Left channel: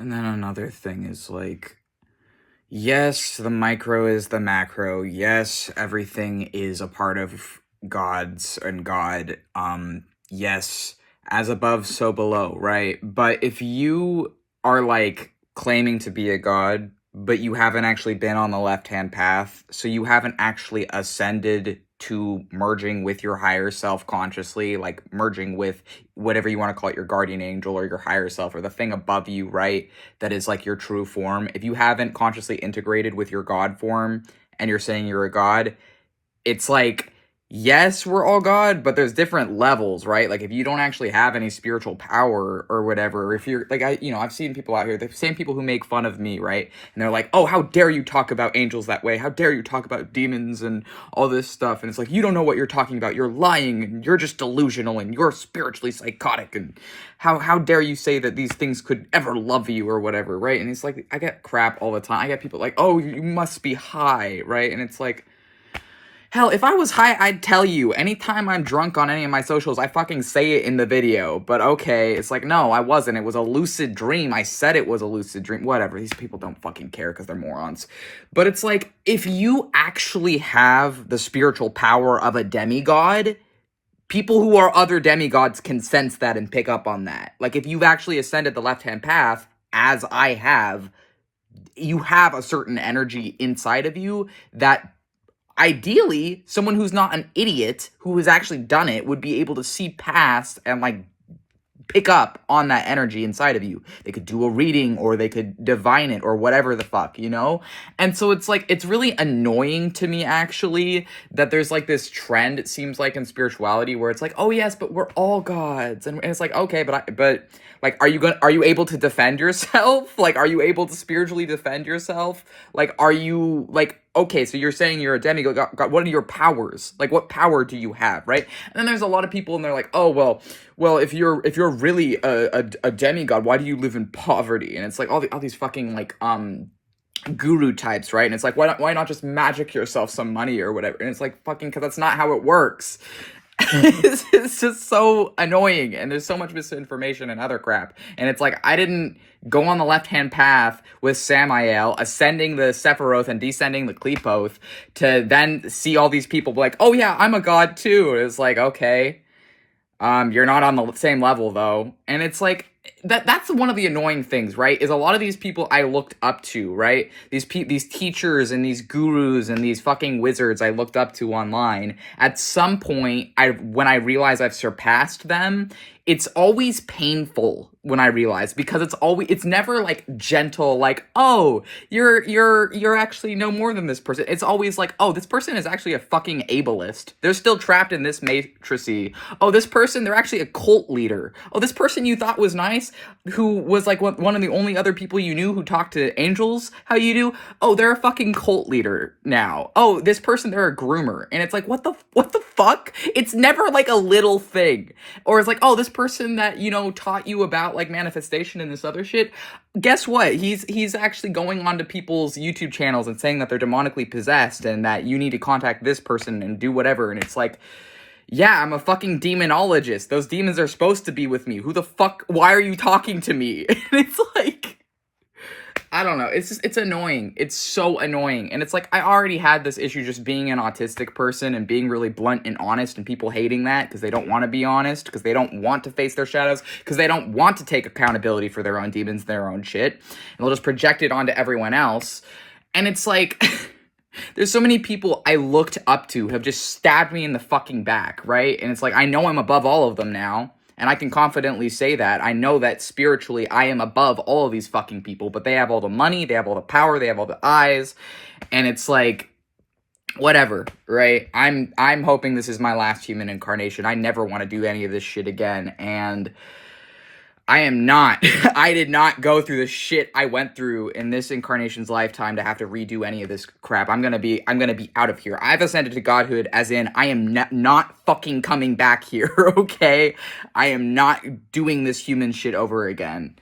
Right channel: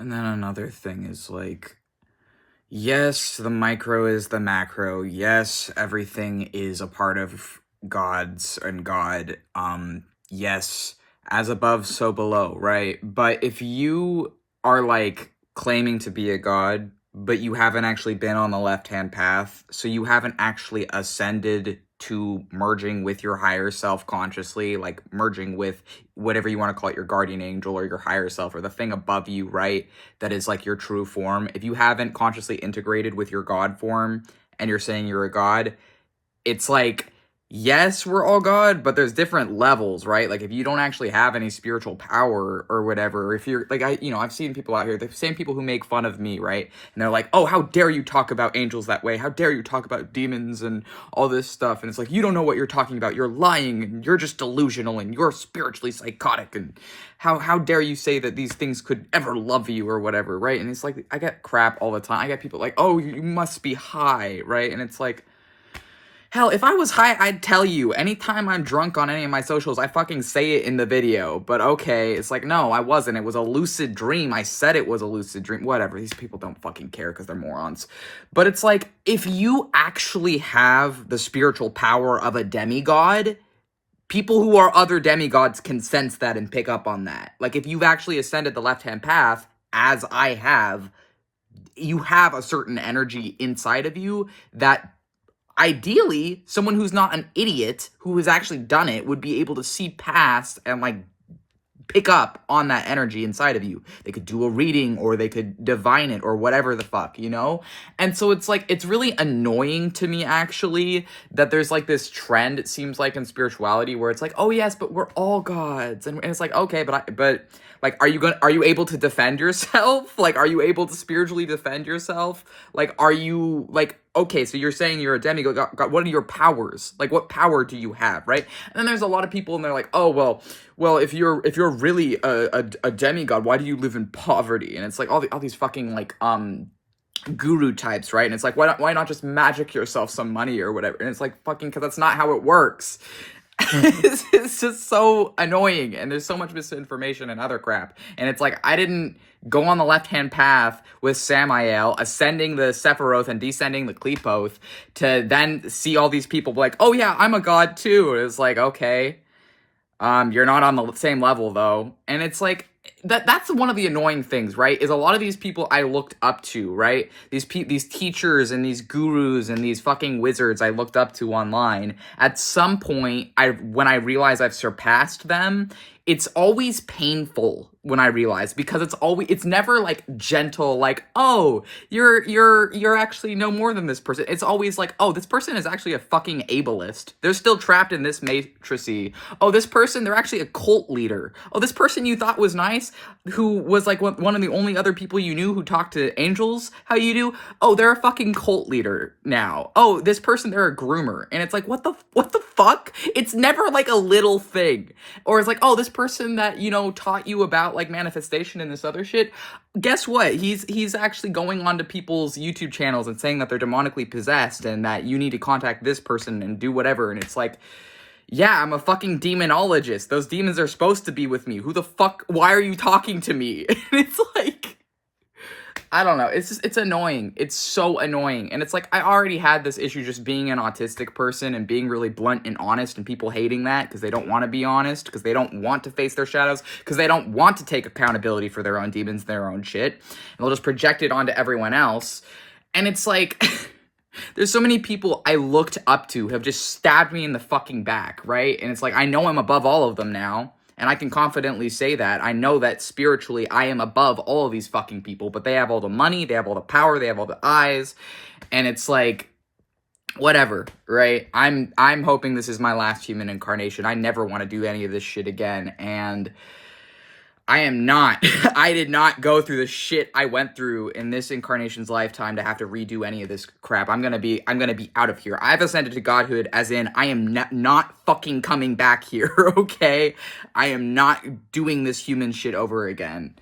And then another thing is like, yes, the micro is the macro. Yes, everything is a part of God's and God. Yes, as above, so below, right? But if you are like claiming to be a God, but you haven't actually been on the left-hand path, so you haven't actually ascended to merging with your higher self consciously, like merging with whatever you want to call it, your guardian angel or your higher self or the thing above you, right? That is like your true form. If you haven't consciously integrated with your God form and you're saying you're a God, it's like, yes, we're all God, but there's different levels, right? Like if you don't actually have any spiritual power or whatever, if you're like, I've seen people out here, the same people who make fun of me, right? And they're like, oh, how dare you talk about angels that way? How dare you talk about demons and all this stuff? And it's like, you don't know what you're talking about. You're lying and you're just delusional and you're spiritually psychotic. And how dare you say that these things could ever love you or whatever, right? And it's like, I get crap all the time. I get people like, oh, you must be high, right? And it's like, hell, if I was high, I'd tell you. Anytime I'm drunk on any of my socials, I fucking say it in the video. But okay, it's like, no, I wasn't. It was a lucid dream. I said it was a lucid dream. Whatever. These people don't fucking care because they're morons. But it's like, if you actually have the spiritual power of a demigod, people who are other demigods can sense that and pick up on that. Like, if you've actually ascended the left-hand path, as I have, you have a certain energy inside of you that ideally, someone who's not an idiot who has actually done it would be able to see past and like pick up on that energy inside of you. They could do a reading or they could divine it or whatever the fuck, you know? And so it's like, it's really annoying to me actually that there's like this trend, it seems like in spirituality where it's like, oh yes, but we're all gods. And it's like, okay, but like, are you able to defend yourself? Like, are you able to spiritually defend yourself? Like, are you like, okay, so you're saying you're a demigod, God, what are your powers? Like, what power do you have, right? And then there's a lot of people and they're like, oh, well, if you're really a demigod, why do you live in poverty? And it's like all these fucking like guru types, right? And it's like, why not just magic yourself some money or whatever? And it's like, fucking, because that's not how it works. It's just so annoying, and there's so much misinformation and other crap. And it's like, I didn't go on the left-hand path with Samael, ascending the Sephiroth and descending the Qlipoth, to then see all these people be like, oh yeah, I'm a god too. It's like, okay. You're not on the same level though. And it's like that's one of the annoying things, right? Is a lot of these people I looked up to, right? These teachers and these gurus and these fucking wizards I looked up to online. At some point, when I realize I've surpassed them, it's always painful when I realize, because it's never like gentle, like, oh, you're actually no more than this person. It's always like, oh, this person is actually a fucking ableist. They're still trapped in this matricy. Oh, this person, they're actually a cult leader. Oh, this person you thought was nice, who was like one of the only other people you knew who talked to angels, how you do? Oh, they're a fucking cult leader now. Oh, this person, they're a groomer. And it's like, what the fuck? It's never like a little thing. Or it's like, oh, this person that, taught you about like manifestation and this other shit, guess what? He's actually going onto people's YouTube channels and saying that they're demonically possessed and that you need to contact this person and do whatever. And it's like, yeah, I'm a fucking demonologist. Those demons are supposed to be with me. Who the fuck? Why are you talking to me? And it's like, I don't know. It's annoying. It's so annoying. And it's like, I already had this issue just being an autistic person and being really blunt and honest, and people hating that because they don't want to be honest, because they don't want to face their shadows, because they don't want to take accountability for their own demons, their own shit. And they'll just project it onto everyone else. And it's like, there's so many people I looked up to have just stabbed me in the fucking back, right? And it's like, I know I'm above all of them now. And I can confidently say that. I know that spiritually I am above all of these fucking people, but they have all the money, they have all the power, they have all the eyes, and it's like, whatever, right? I'm hoping this is my last human incarnation. I never want to do any of this shit again, and I am not. I did not go through the shit I went through in this incarnation's lifetime to have to redo any of this crap. I'm gonna be out of here. I've ascended to godhood, as in I am not fucking coming back here, okay? I am not doing this human shit over again.